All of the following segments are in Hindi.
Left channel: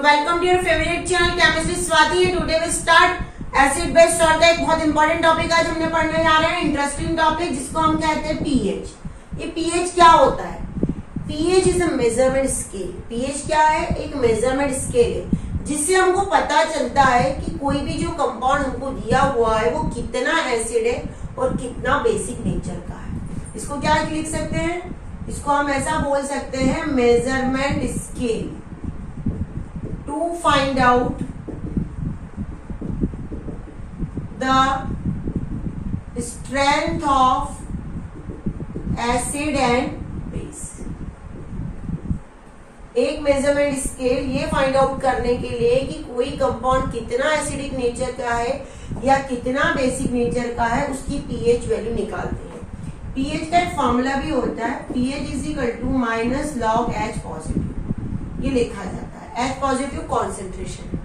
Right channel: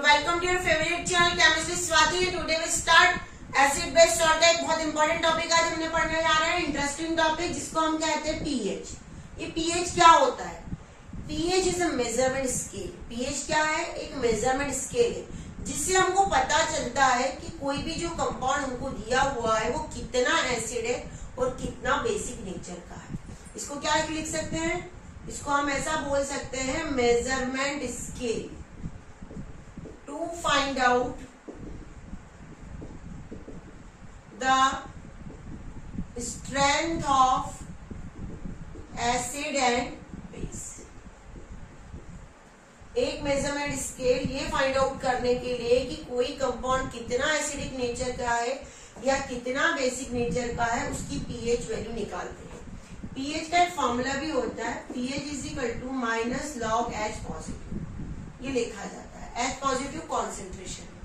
तो welcome to your favourite channel chemistry Swati. Today we start acid base salt का एक बहुत इंपॉर्टेंट टॉपिक आज हमने पढ़ने जा रहे हैं, इंटरेस्टिंग टॉपिक जिसको हम कहते हैं पीएच। ये पीएच क्या होता है? PH is a measurement scale. PH क्या है? एक मेजरमेंट स्केल है जिससे हमको पता चलता है कि कोई भी जो कंपाउंड हमको दिया हुआ है वो कितना एसिड है और कितना बेसिक नेचर का है। इसको क्या लिख सकते हैं? इसको हम ऐसा बोल सकते हैं measurement scale to find out the strength of acid and base. एक मेजरमेंट स्केल ये फाइंड आउट करने के लिए कि कोई कंपाउंड कितना एसिडिक नेचर का है या कितना बेसिक नेचर का है, उसकी पीएच वैल्यू निकालते हैं। पीएच का एक फॉर्मूला भी होता है, pH is equal to minus log H positive, ये लिखा जाता है। H positive concentration.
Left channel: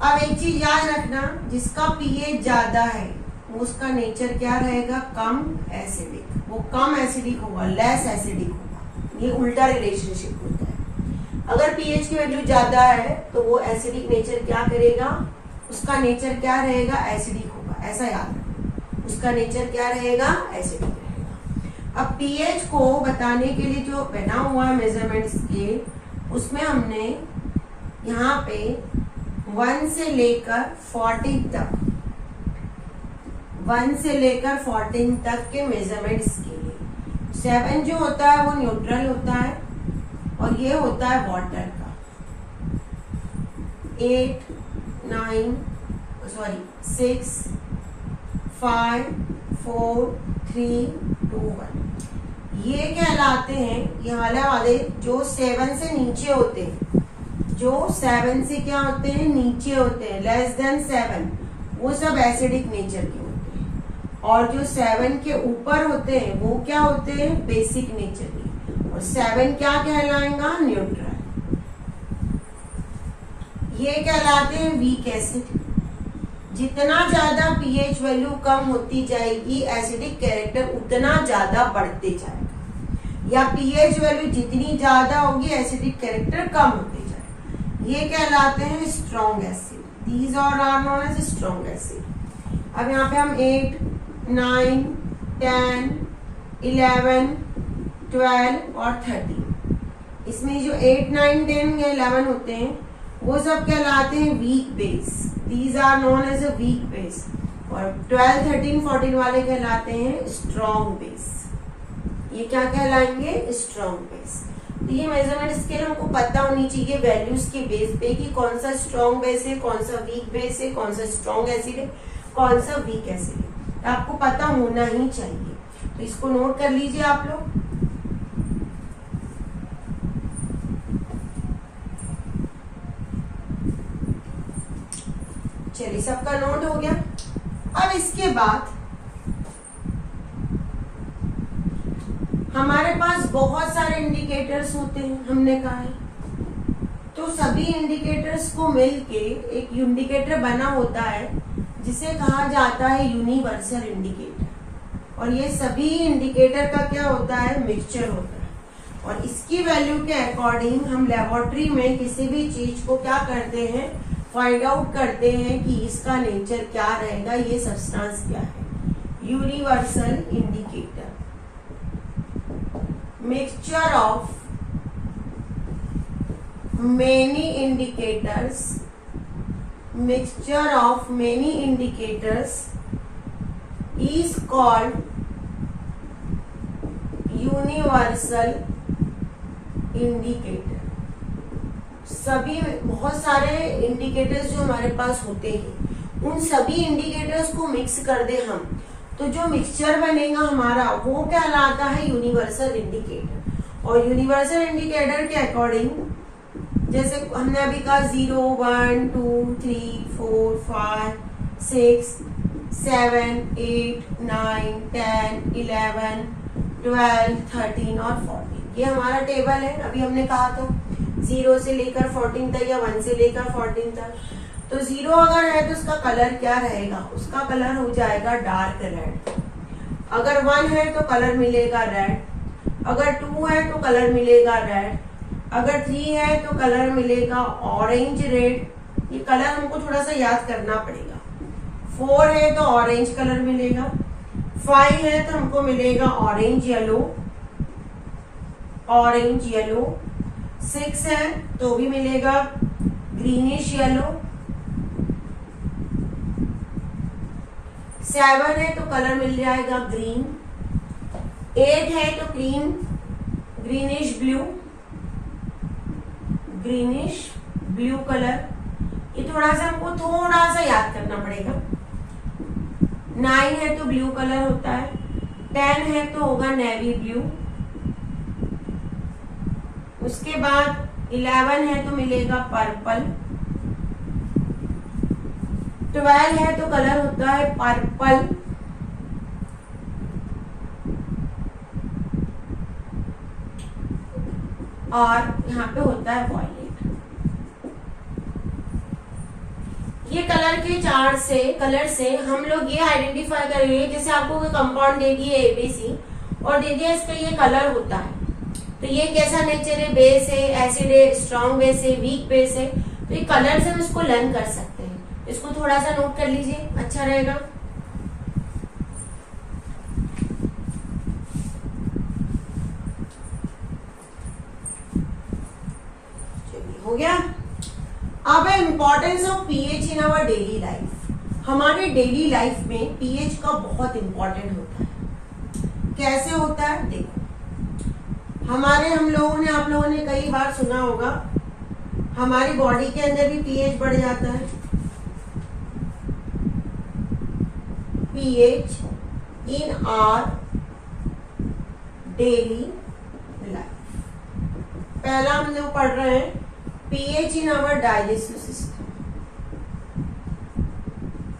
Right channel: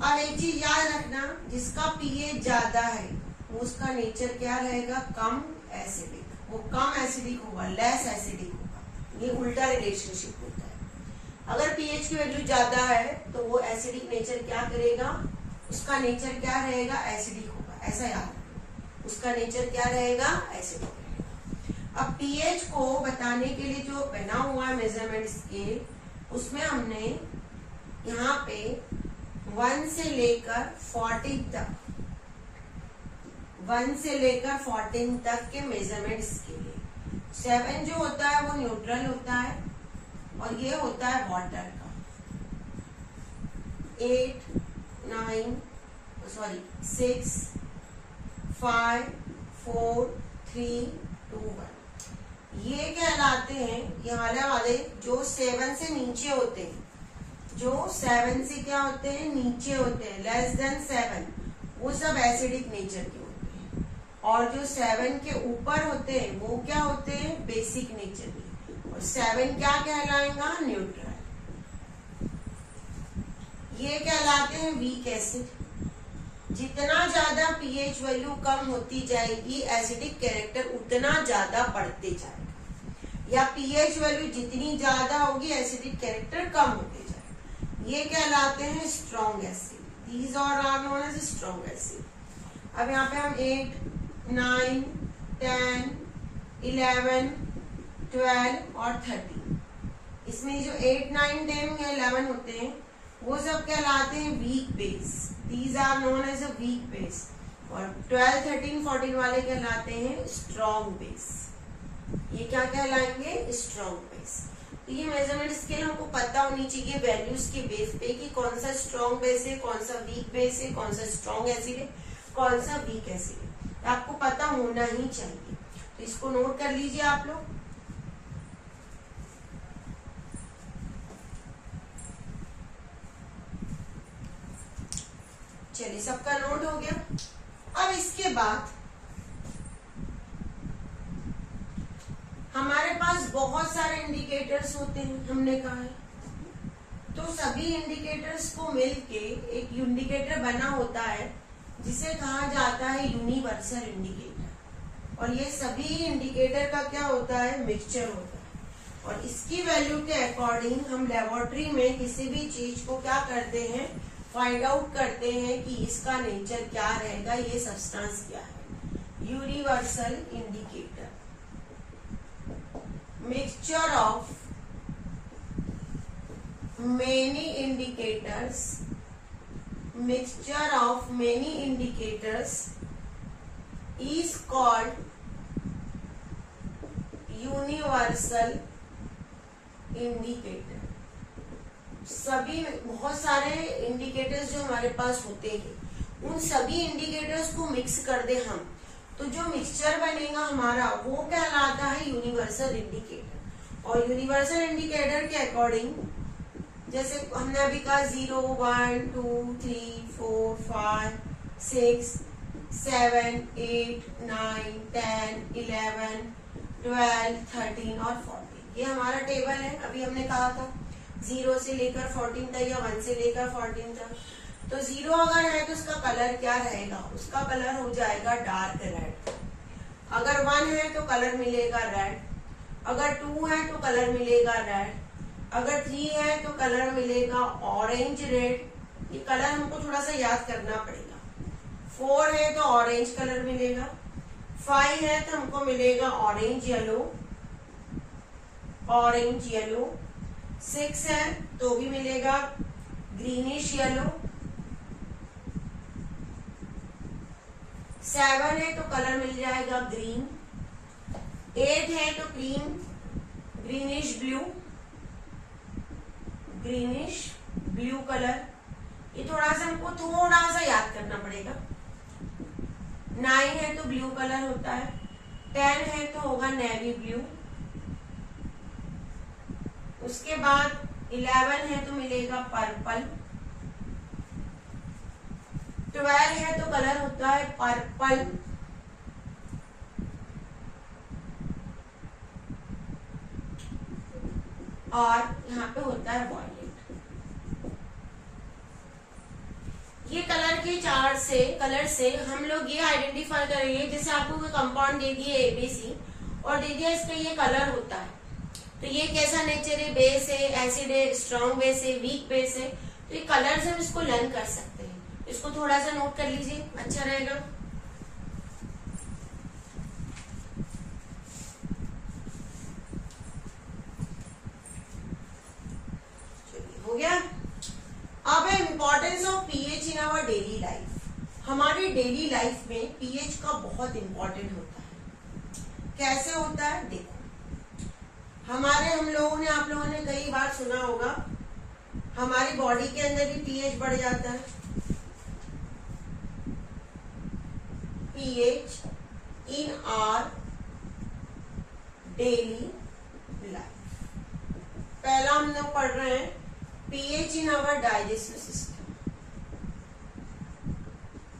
अब एक चीज याद रखना, जिसका पीएच ज्यादा है वो उसका नेचर क्या रहेगा? कम एसिडिक। वो कम एसिडिक होगा, लेस एसिडिक होगा। ये उल्टा रिलेशनशिप होता है। अगर पीएच की वैल्यू ज्यादा है तो वो एसिडिक नेचर क्या करेगा? उसका नेचर क्या रहेगा? एसिडिक होगा। ऐसा याद रखना, उसका नेचर क्या रहेगा? एसिडिक रहेगा। अब पीएच को बताने के लिए जो बना हुआ है मेजरमेंट स्केल, उसमें हमने यहाँ पे 1 से लेकर 14 तक 1 से लेकर 14 तक के मेजरमेंट स्केल है। 7 जो होता है वो न्यूट्रल होता है और ये होता है वाटर का। 8, 9 6, 5, 4, 3, 2, 1 ये कहलाते हैं, ये वाले जो 7 से नीचे होते हैं, जो 7 से क्या होते हैं? नीचे होते हैं, लेस देन 7, वो सब एसिडिक नेचर के होते हैं। और जो 7 के ऊपर होते हैं वो क्या होते हैं? बेसिक नेचर के। और 7 क्या कहलाएगा? न्यूट्रल। ये कहलाते हैं वीक एसिड। जितना ज्यादा पीएच वैल्यू कम होती जाएगी, एसिडिक कैरेक्टर उतना ज्यादा बढ़ते जाएगा, या पीएच वैल्यू जितनी ज्यादा होगी एसिडिक कैरेक्टर कम होते जाएगा। ये कहलाते हैं strong acid. These are known as strong acid. अब यहाँ पे हम 8, 9, 10, 11, 12 और 13, इसमें जो 8, 9, 10 या 11 होते हैं वो सब कहलाते हैं weak base. These are known as a weak base। और 12, 13, 14 वाले कहलाते हैं स्ट्रॉन्ग बेस। ये क्या कहलाएंगे? Strong base. तो ये मेजरमेंट स्केल हमको पता होनी चाहिए वैल्यूज के बेस पे कि कौन सा स्ट्रॉन्ग बेस है, कौन सा वीक बेस है, कौन सा स्ट्रॉन्ग एसिड है, कौन सा वीक एसिड है। तो आपको पता होना ही चाहिए। तो इसको नोट कर लीजिए आप लोग। चलिए, सबका नोट हो गया। अब इसके बाद हमारे पास बहुत सारे इंडिकेटर्स होते हैं, हमने कहा है। तो सभी इंडिकेटर्स को मिलके एक इंडिकेटर बना होता है जिसे कहा जाता है यूनिवर्सल इंडिकेटर। और ये सभी इंडिकेटर का क्या होता है? मिक्सचर होता है। और इसकी वैल्यू के अकॉर्डिंग हम लेबोरेटरी में किसी भी चीज को क्या करते हैं? फाइंड आउट करते हैं कि इसका नेचर क्या रहेगा, ये सब्सटेंस क्या है। Universal indicator, mixture of many indicators, mixture of many indicators is called universal indicator. सभी बहुत सारे इंडिकेटर्स जो हमारे पास होते हैं, उन सभी इंडिकेटर्स को मिक्स कर दे हम, तो जो मिक्सचर बनेगा हमारा वो कहलाता है यूनिवर्सल इंडिकेटर। और यूनिवर्सल इंडिकेटर के अकॉर्डिंग, जैसे हमने अभी कहा 0, 1, 2, 3, 4, 5, 6, 7, 8, 9, 10, 11, 12, 13 और 14, ये हमारा टेबल है। अभी हमने कहा था 0 से लेकर 14 तक या 1 से लेकर 14 तक। तो 0 अगर है तो उसका कलर क्या रहेगा? उसका कलर हो जाएगा डार्क रेड। अगर 1 है तो कलर मिलेगा रेड। अगर 2 है तो कलर मिलेगा रेड। अगर 3 है तो कलर मिलेगा ऑरेंज रेड, ये कलर हमको थोड़ा सा याद करना पड़ेगा। 4 है तो ऑरेंज कलर मिलेगा, 5 है तो हमको मिलेगा ऑरेंज येलो, ऑरेंज येलो, 6 है तो भी मिलेगा ग्रीनिश येलो, 7 है तो कलर मिल जाएगा ग्रीन, 8 है तो greenish blue, greenish blue colour, ये थोड़ा सा हमको थोड़ा सा याद करना पड़ेगा। 9 है तो ब्लू कलर होता है, 10 है तो होगा नेवी ब्लू, उसके बाद 11 है तो मिलेगा पर्पल, 12 है तो कलर होता है पर्पल, और यहाँ पे होता है वॉयलेट। ये कलर से हम लोग ये आइडेंटिफाई करेंगे, जैसे आपको कोई कंपाउंड दे दिए एबीसी और दे दिया इस पे ये कलर होता है, तो ये कैसा नेचर है, बेस है, एसिड है, स्ट्रॉन्ग बेस है, वीक बेस है, तो ये कलर से हम इसको लर्न कर सकते हैं। इसको थोड़ा सा नोट कर लीजिए, अच्छा रहेगा। चलिए हो गया। अब है importance of pH in our daily life. हमारे डेली लाइफ में पीएच का बहुत इंपॉर्टेंट होता है। कैसे होता है देखो, हम लोगों ने कई बार सुना होगा, हमारी बॉडी के अंदर भी पीएच बढ़ जाता है। PH in our daily life, पहला हम लोग पढ़ रहे हैं pH in our digestive system.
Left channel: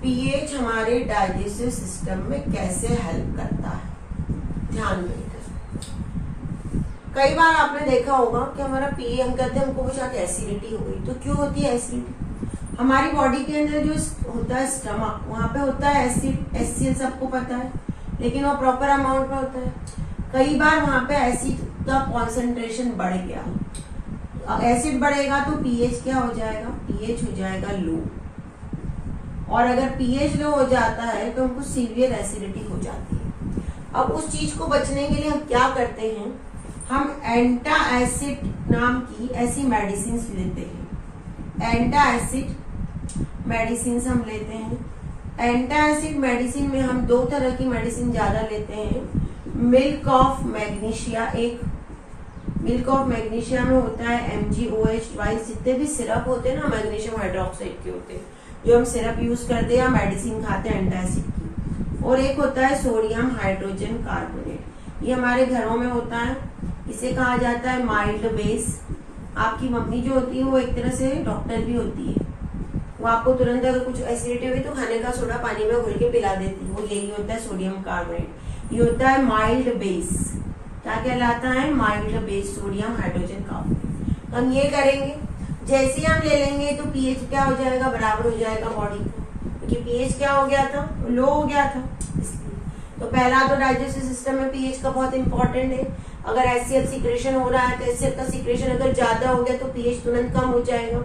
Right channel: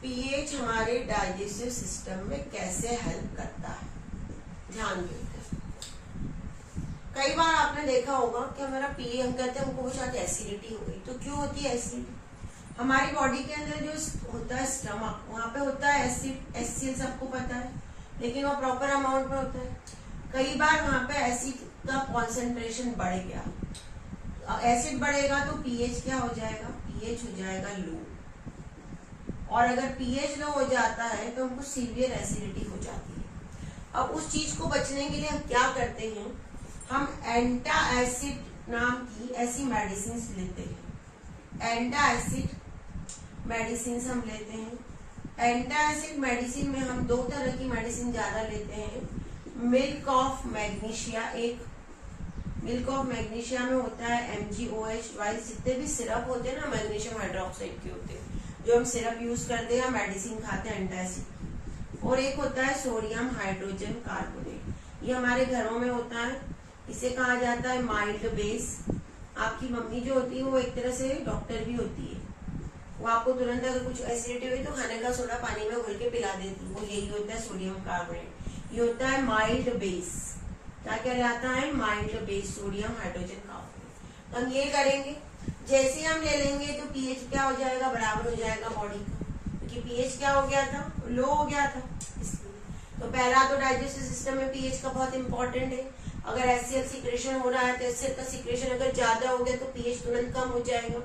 PH हमारे डाइजेस्टिव सिस्टम में कैसे हेल्प करता है, ध्यान देकर। कई बार आपने देखा होगा कि हमारा पीए हम कहते हैं हमको कुछ एसिडिटी हो गई, तो क्यों होती है एसिडिटी? हमारी बॉडी के अंदर जो होता है स्टमक, वहां पे होता है एसिड, एचसीएल सबको पता है, लेकिन वो प्रॉपर अमाउंट में होता है। कई बार वहां पे एसिड का कॉन्सेंट्रेशन बढ़ गया, एसिड बढ़ेगा तो पीएच क्या हो जाएगा, पीएच हो जाएगा लो, और अगर पीएच लो हो जाता है तो हमको सीवियर एसिडिटी हो जाती है। अब उस चीज को बचने के लिए हम क्या करते हैं, हम एंटा एसिड नाम की ऐसी मेडिसिन लेते हैं। एंटा एसिड मेडिसिन हम लेते हैं। एंटा एसिड मेडिसिन में हम 2 तरह की मेडिसिन ज्यादा लेते हैं। मिल्क ऑफ मैग्नीशिया, एक मिल्क ऑफ मैग्नीशिया में होता है MgOH ट्वाइस, जितने भी सिरप होते हैं ना मैग्नीशियम हाइड्रोक्साइड के होते हैं, जो हम सिरप यूज करते हैं या मेडिसिन खाते हैं एंटा एसिड की। और एक होता है सोडियम हाइड्रोजन कार्बोनेट, ये हमारे घरों में होता है, इसे कहा जाता है माइल्ड बेस। आपकी मम्मी जो होती है वो एक तरह से डॉक्टर भी होती है, वो आपको तुरंत अगर कुछ एसिडिटी हुई तो खाने का सोडा पानी में घोल के पिला देती है, वो यही होता है सोडियम कार्बोनेट। ये होता है माइल्ड बेस, क्या कहलाता है, mild base sodium hydrogen carbonate. हम ये करेंगे, जैसे हम ले लेंगे तो पीएच क्या हो जाएगा, बराबर हो जाएगा बॉडी को, क्योंकि पीएच क्या हो गया था, लो हो गया था। तो पहला तो डाइजेस्टिव सिस्टम में पीएच का बहुत इंपॉर्टेंट है। अगर एचसीएल सीक्रेशन हो रहा है तो एचसीएल का सीक्रेशन अगर ज्यादा हो गया तो पीएच तुरंत कम हो जाएगा,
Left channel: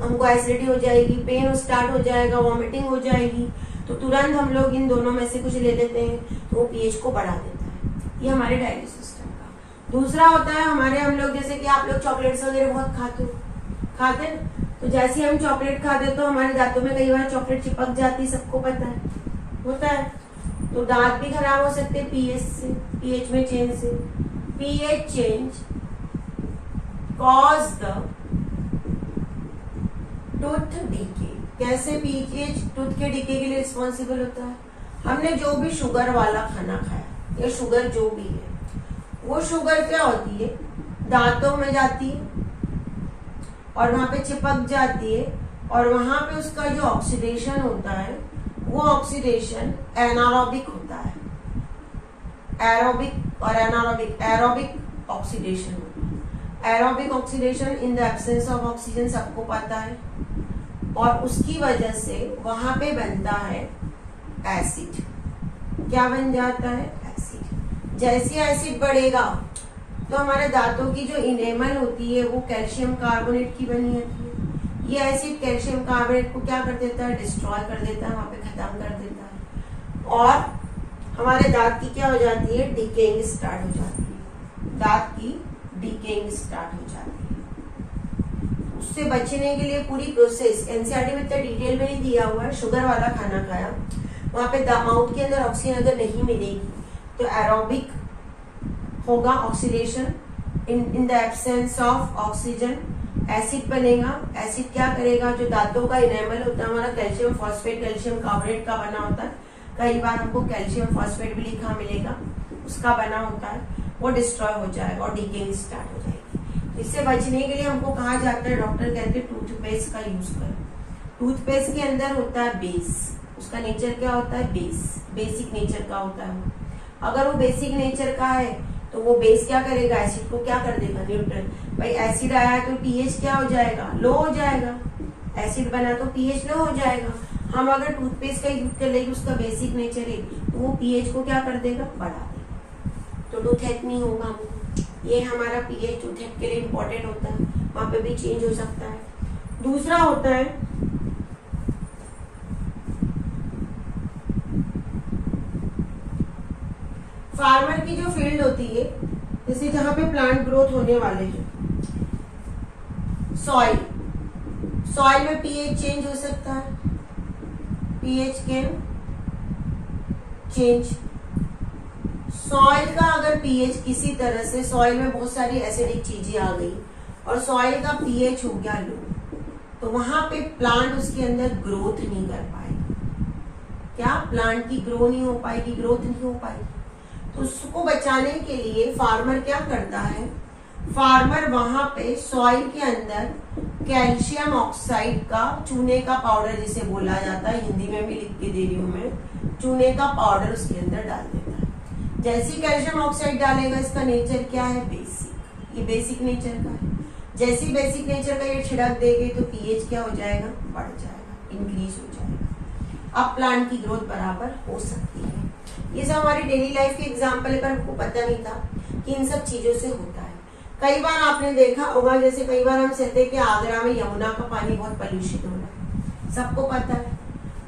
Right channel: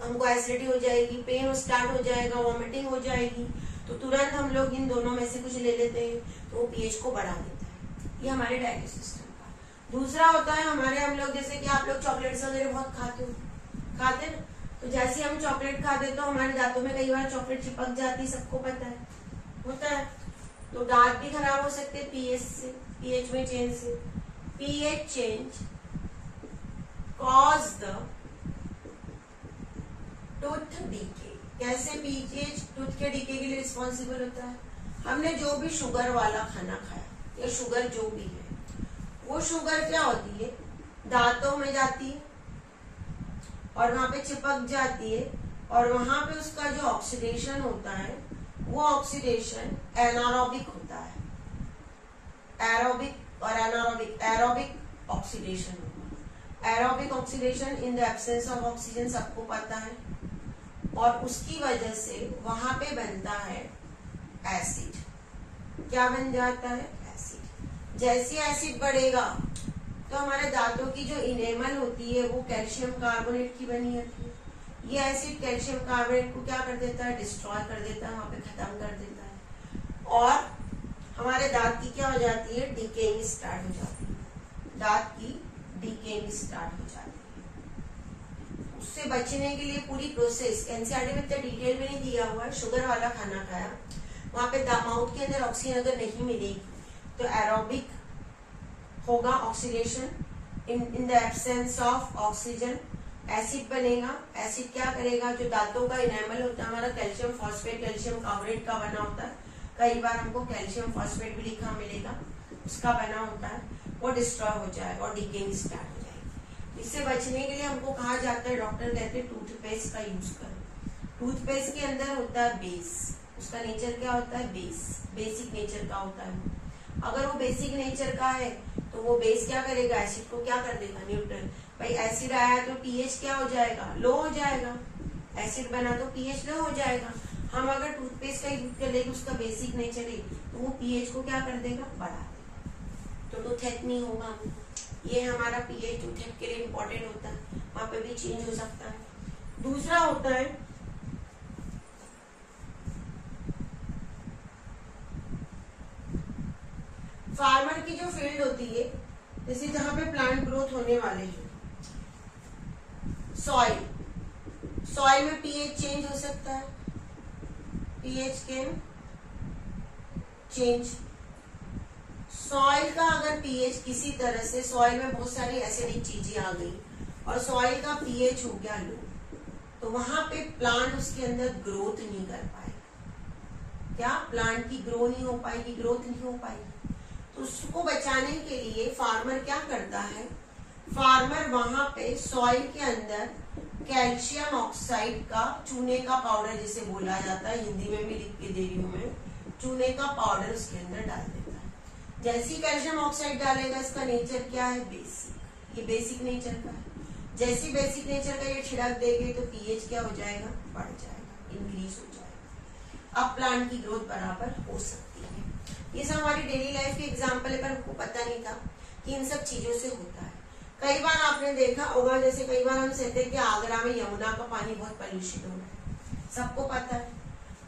हमको एसिडिटी हो जाएगी, पेन स्टार्ट हो जाएगा, वॉमिटिंग हो जाएगी, तो तुरंत हम लोग इन दोनों में से कुछ ले लेते हैं तो वो पीएच को बढ़ा देता है। ये हमारे डाइजेस्टिव सिस्टम का। दूसरा होता है हमारे, हम लोग जैसे कि आप लोग चॉकलेट्स वगैरह बहुत खाते हैं, तो जैसे हम चॉकलेट खाते हैं तो हमारे दांतों में कई बार चॉकलेट चिपक जाती है, सबको पता है, होता है, तो दांत भी खराब हो सकते हैं पीएच से, पीएच में चेंज से। PH change cause the tooth decay. कैसे पीएच टूथ के डीके के लिए रिस्पॉन्सिबल होता है? हमने जो भी शुगर वाला खाना खाया या शुगर जो भी है, वो शुगर क्या होती है, दांतों में जाती है और वहां पे चिपक जाती है, और वहां पे उसका जो ऑक्सीडेशन होता है वो ऑक्सीडेशन एनारोबिक होता है। एरोबिक और एनारोबिक, एरोबिक ऑक्सीडेशन होता है। Aerobic oxidation in the absence of oxygen सबको पता है, और उसकी वजह से वहां पे बनता है एसिड। क्या बन जाता है, एसिड। जैसे एसिड बढ़ेगा तो हमारे दांतों की जो इनेमल होती है वो कैल्शियम कार्बोनेट की बनी होती है। ये एसिड कैल्शियम कार्बोनेट को क्या कर देता है, डिस्ट्रॉय कर देता है, वहां पे खत्म कर देता है, और हमारे दांत की क्या हो जाती है, डिकेइंग स्टार्ट हो जाती है, दांत की डिकेइंग स्टार्ट हो जाती है। उससे बचने के लिए पूरी प्रोसेस एनसीईआरटी में इतना डिटेल में नहीं दिया हुआ है। शुगर वाला खाना खाया, वहां पे माउथ के अंदर ऑक्सीजन अगर नहीं मिलेगी तो एरोबिक होगा, oxidation in the absence of oxygen acid बनेगा। एसिड क्या करेगा, जो दांतों का इनेमल होता है हमारा कैल्शियम फॉस्फेट कैल्शियम कार्बोनेट का बना होता है, कई बार हमको कैल्शियम फॉस्फेट भी लिखा मिलेगा, उसका बना होता है, वो डिस्ट्रॉय हो जाएगा और डिकेइंग स्टार्ट हो जाएगी। इससे बचने के लिए हमको कहा जाता है, डॉक्टर कहते हैं टूथपेस्ट का यूज करें। टूथपेस्ट के अंदर होता है बेस, उसका नेचर क्या होता है, बेसिक नेचर का होता है। अगर वो बेसिक नेचर का है तो वो बेस क्या करेगा, एसिड को क्या कर देगा, न्यूट्रल। भाई एसिड आया तो पीएच क्या हो जाएगा, लो हो जाएगा, एसिड बना तो पीएच लो हो जाएगा। हम अगर टूथपेस्ट का यूज कर लेंगे, उसका बेसिक नेचर है तो वो पीएच को क्या कर देगा, बढ़ा देगा, तो टूथेक नहीं होगा हमको। ये हमारा पीएच टूथेक के लिए इम्पोर्टेंट होता है, वहां पे भी चेंज हो सकता है। दूसरा होता है फार्मर की जो फील्ड होती है, जैसे जहां पे प्लांट ग्रोथ होने वाले, जो सॉइल में पीएच चेंज हो सकता है, पीएच कैन चेंज। सॉइल का अगर पीएच किसी तरह से, सॉइल में बहुत सारी एसिडिक चीजें आ गई और सॉइल का पीएच हो गया लो, तो वहां पे प्लांट उसके अंदर ग्रोथ नहीं कर पाएगा। क्या, प्लांट की ग्रो नहीं हो पाएगी, ग्रोथ नहीं हो पाएगी। तो उसको बचाने के लिए फार्मर क्या करता है, फार्मर वहां पे सॉइल के अंदर कैल्शियम ऑक्साइड का, चूने का पाउडर जिसे बोला जाता है, हिंदी में भी लिख के दे रही हूं मैं, चूने का पाउडर उसके अंदर डाल देता है। जैसे कैल्शियम ऑक्साइड डालेगा, इसका नेचर क्या है, बेसिक, ये बेसिक नेचर का है। जैसे बेसिक नेचर का ये छिड़क देंगे तो पीएच क्या हो जाएगा, बढ़ जाएगा, इंक्रीज हो जाएगा। अब प्लांट की ग्रोथ बराबर हो सकती है। ये सब हमारी डेली लाइफ के एग्जाम्पल है, पर हमको पता नहीं था कि इन सब चीजों से होता है। कई बार आपने देखा होगा, जैसे कई बार हम कहते हैं कि आगरा में यमुना का पानी बहुत पॉल्यूशित हो रहा है, सबको पता है।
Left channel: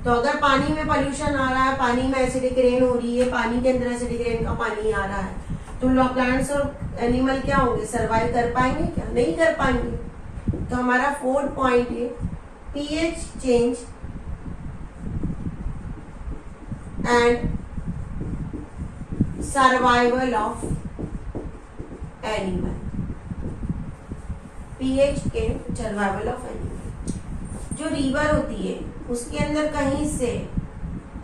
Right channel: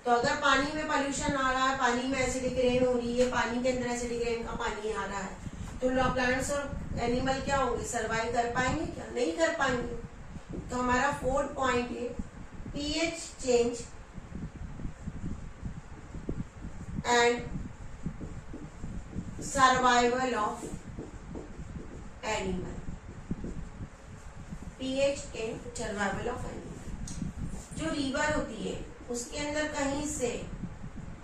तो अगर पानी में पॉल्यूशन आ रहा है, पानी में एसिडिक रेन हो रही है, पानी के अंदर एसिडिक रेन का पानी आ रहा है, तो प्लांट्स और एनिमल क्या होंगे, सर्वाइव कर पाएंगे क्या, नहीं कर पाएंगे। तो हमारा 4th पॉइंट है pH change and survival of animal, pH के सर्वाइवल ऑफ एनिमल। जो रिवर होती है उसके अंदर कहीं से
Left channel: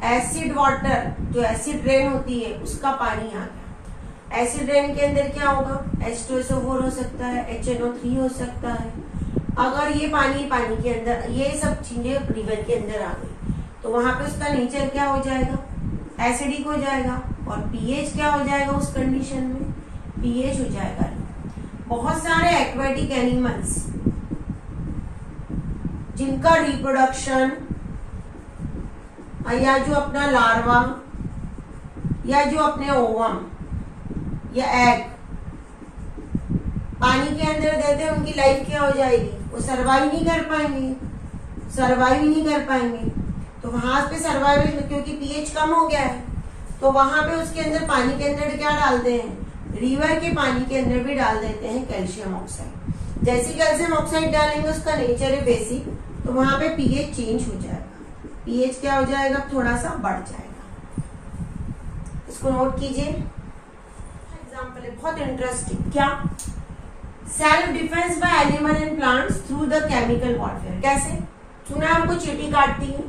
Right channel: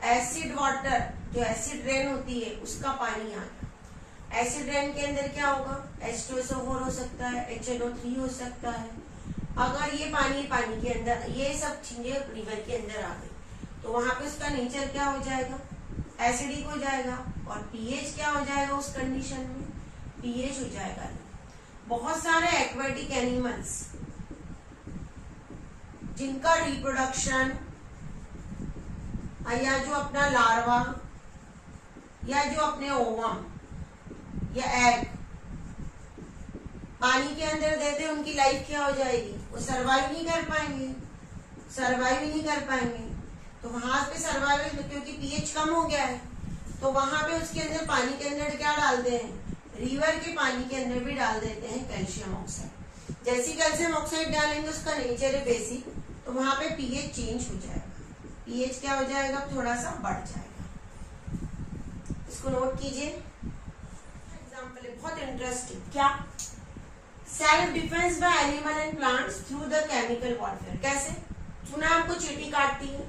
एसिड वाटर, जो एसिड रेन होती है उसका पानी आ गया, एसिड रेन के अंदर क्या होगा, H2SO4 हो सकता है, HNO3 हो सकता है। अगर ये पानी के अंदर, ये सब चीजें रिवर के अंदर आ गई, तो वहां पे उसका नेचर क्या हो जाएगा, एसिडिक हो जाएगा, और पीएच क्या हो जाएगा उस कंडीशन में, पीएच हो जाएगा। बहुत सारे एक्वेटिक एनिमल्स जिनका रिप्रोडक्शन या जो अपना लार्वा या जो अपने ओवम या एग पानी के अंदर देते हैं, उनकी लाइफ क्या हो जाएगी, वो सर्वाइव नहीं कर पाएंगे, सर्वाइव नहीं कर पाएंगे। तो वहां पे सर्वाइवल, क्योंकि पीएच कम हो गया है, तो वहां पे उसके अंदर पानी के अंदर क्या डालते हैं, रिवर के पानी के अंदर भी डाल देते हैं कैल्शियम ऑक्साइड। जैसे कैल्शियम ऑक्साइड डालेंगे, उसका नेचर है बेसिक, तो वहां पे पीएच चेंज हो जाएगा, पीएच क्या हो जाएगा, थोड़ा सा बढ़ जाएगा। इसको नोट कीजिए। एग्जाम्पल है बहुत इंटरेस्टिंग, क्या, self defence bye animal and plants through the chemical warfare. कैसे, चूना हमको चींटी काटती है,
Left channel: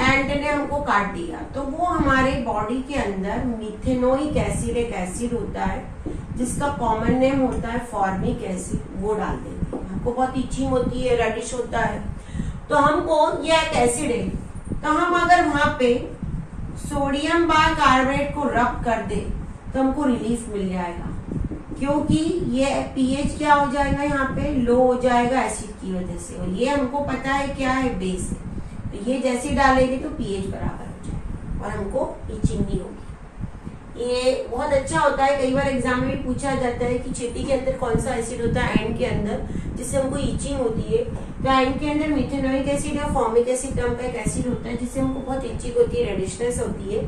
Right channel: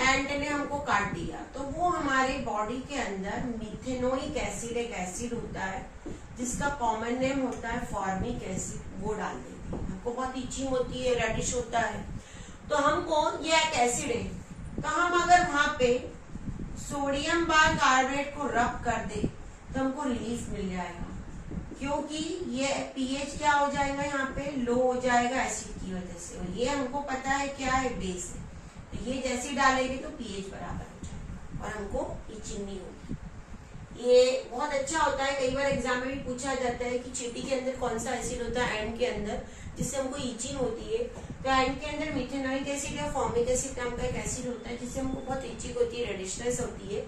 एंट ने हमको काट दिया, तो वो हमारे बॉडी के अंदर मिथेनोइक एसिड, एक एसिड होता है जिसका कॉमन नेम होता है फॉर्मिक एसिड, वो डाल देते हैं। हमको बहुत इचिंग होती है, रेडिश होता है, तो हमको ये एक एसिड है, तो हम अगर वहां पे सोडियम बाइकार्बोनेट को रब कर दे तो हमको रिलीफ मिल जाएगा, क्योंकि ये पीएच क्या हो जाएगा, यहाँ पे लो हो जाएगा एसिड की वजह से, और ये हमको पता है क्या है, बेस है। तो ये जैसे डालेंगे तो पीएच बराबर हो जाएगा और हमको इचिंग नहीं होगी। ये बहुत अच्छा होता है। कई बार एग्जाम में भी पूछा जाता है कि चींटी के अंदर कौन सा एसिड होता है एंड के अंदर, जिससे हमको इचिंग होती है। तो एंड के अंदर मिथेनोइक एसिड या फॉर्मिक एसिड नाम का एक एसिड होता है, जिससे हमको बहुत इचिंग होती है, रेडिशनेस होती है।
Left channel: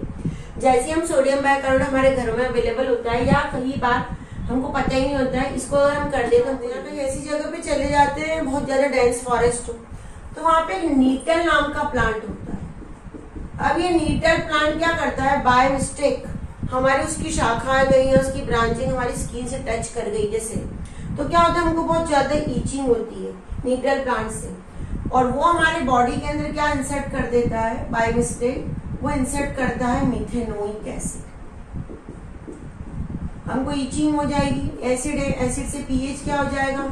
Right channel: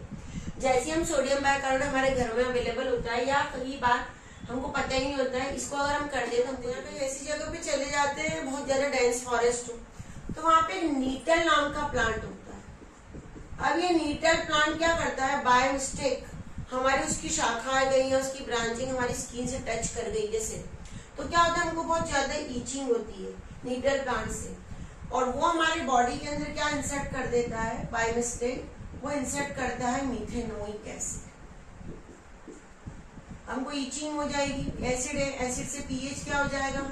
जैसे हम सोडियम बाइकार्बोनेट हमारे घर में अवेलेबल होता है, या कई बार हमको पता ही नहीं होता है, इसको अगर हम कर देते हैं, यहाँ पे ऐसी जगह पे चले जाते हैं बहुत ज्यादा डेंस फॉरेस्ट हो, तो वहां पे नीटल नाम का प्लांट होता है। अब ये नीटल प्लांट क्या करता है, बाय मिस्टेक हमारी उसकी शाखाएं गई है, उसकी ब्रांचिंग हमारी स्किन से टच कर गई जैसे, तो क्या होता है, हमको बहुत ज्यादा ईचिंग होती है नीटल प्लांट से। और वो हमारे बॉडी के अंदर क्या इंसर्ट कर देता है बाय मिस्टेक, वो इंसर्ट करता है मिथेनोइक एसिड। हमको ईचिंग हो जाएगी, एसिड है, एसिड से पीएच क्या हो जाएगा,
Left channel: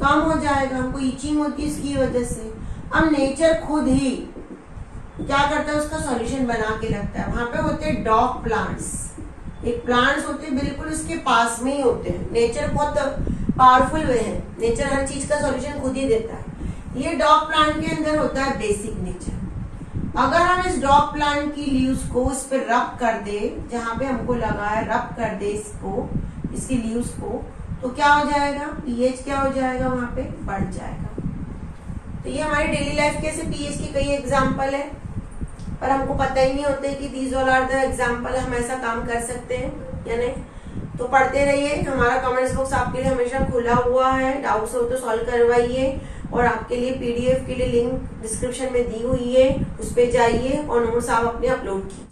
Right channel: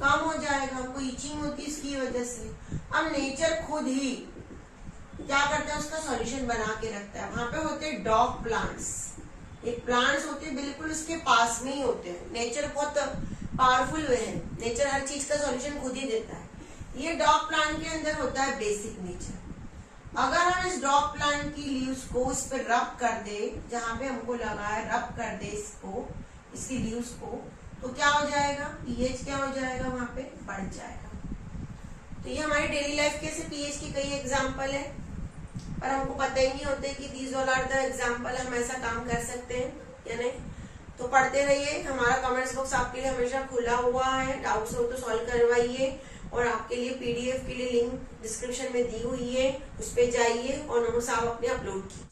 कम हो जाएगा, हमको ईचिंग होती है इसकी वजह से। अब नेचर खुद ही क्या करता है, उसका सॉल्यूशन बना के रखता है। वहां पे होते हैं डॉग प्लांट्स, एक प्लांट्स होते हैं बिल्कुल उसके पास में ही होते हैं। नेचर बहुत पावरफुल वे है, नेचर हर चीज का सॉल्यूशन खुद ही देता है। ये डॉग प्लांट के अंदर होता है बेसिक नेचर। अगर हम इस डॉग प्लांट की लीव्स को इस पर रब कर दे, जहां पे हमको लगा है रब कर दे इसको, इसकी लीव्स को, तो क्या हो जाएगा, पीएच क्या हो जाएगा, वहां पे बढ़ जाएगा। तो ये हमारी डेली लाइफ के से पीएच के कई एग्जाम्पल है, पर हमको पता ही नहीं होते कि these all are the example, हम ऐसा काम कर सकते हैं या नहीं। तो पढ़ते रहिए, हमारा कमेंट्स बॉक्स आपके लिए हमेशा खुला हुआ है, डाउट्स हो तो सॉल्व करवाइए। और आपके लिए पीडीएफ के लिए लिंक डिस्क्रिप्शन में दी हुई है, उस पर जाइए और नोट्स आप अपने अपलोड कीजिए।